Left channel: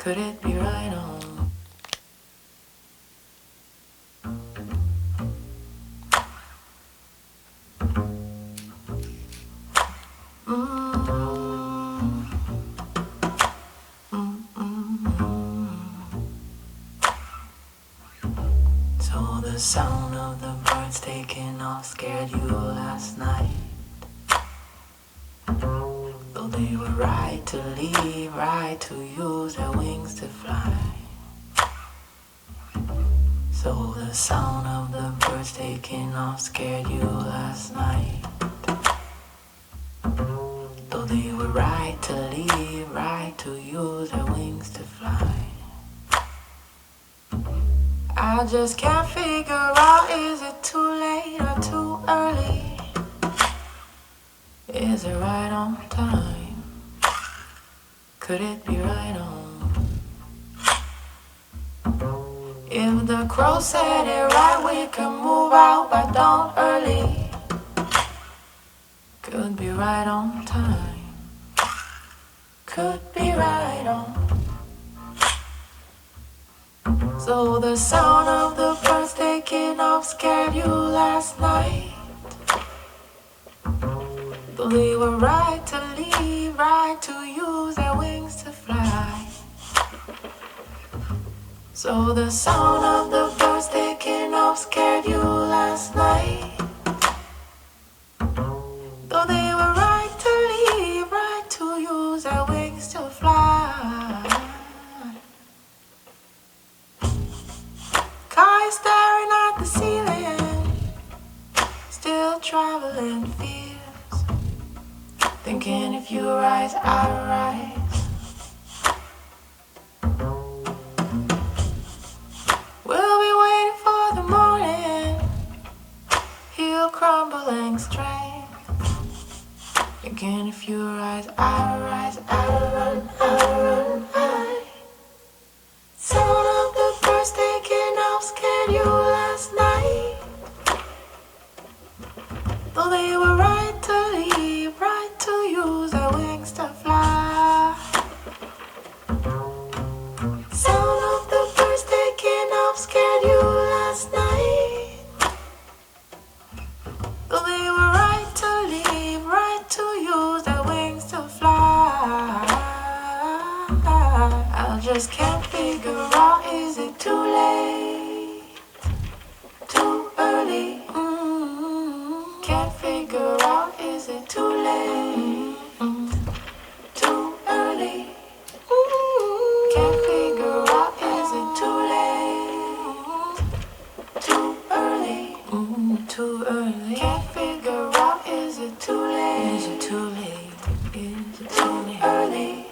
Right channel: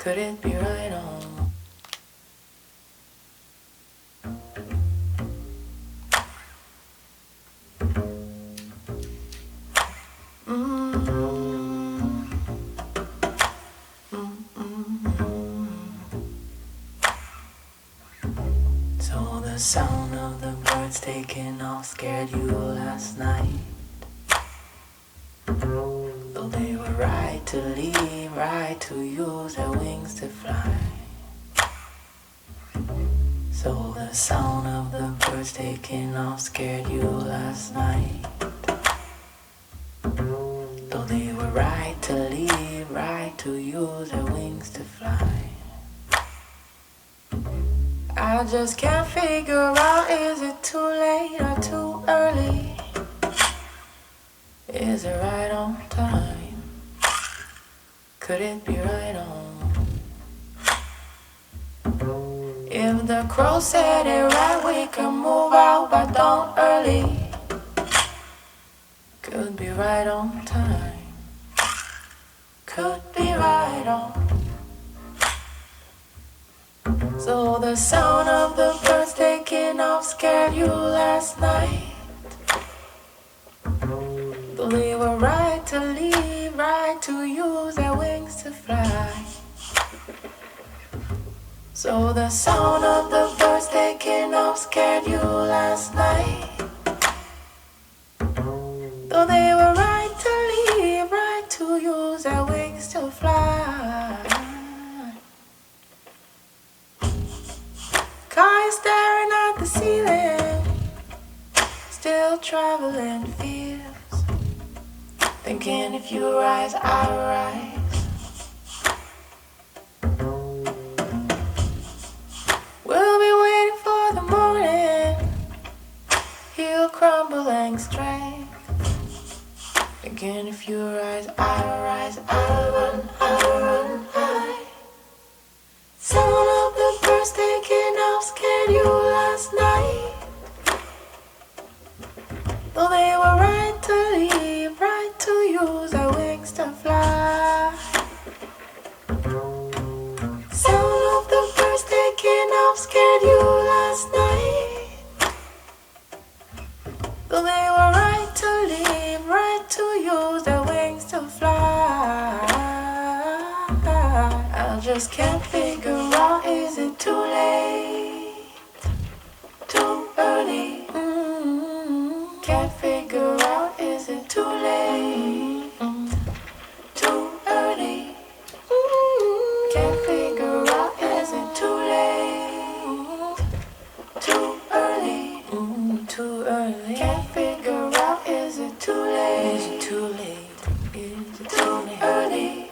Could it be right on? So the sound of the birds taking off scared you last night. Though they were right to leave, right to use their wings to fly. So the sound of the birds taking off scared you last night. Though they were right to leave, right to use their wings to fly. I just can't figure out, is it too late or too early? Is it right on time? Could it be right on? If the crow said it right, we can move out, but don't early. Could be right on time. Could be right on. So the sound of the birds taking off scared you last night. Though they were right to leave, right to use their wings to fly. So the sound of the birds taking off scared you last night. Though they were right to leave, right to use their wings to fly. Car is staring at the ceiling, still traveling fears, thinking if you rise, I'll rise. We'll be waiting for the morning, he'll crumbling strength, thinking if you rise, I'll rise, I'll run, I'll run, I. Sound of the birds taking off scared you last night. Though they were right to leave, right to use their wings to fly. Sound of the birds taking off scared you last night. Though they were right to leave, right to use their wings to fly. I just can't figure out, is it too late, too early? Can't figure out, is it too late, too early? Can't figure out, is it too late, too early, too early? Can't figure out, is it too late, is it too late, is it too early?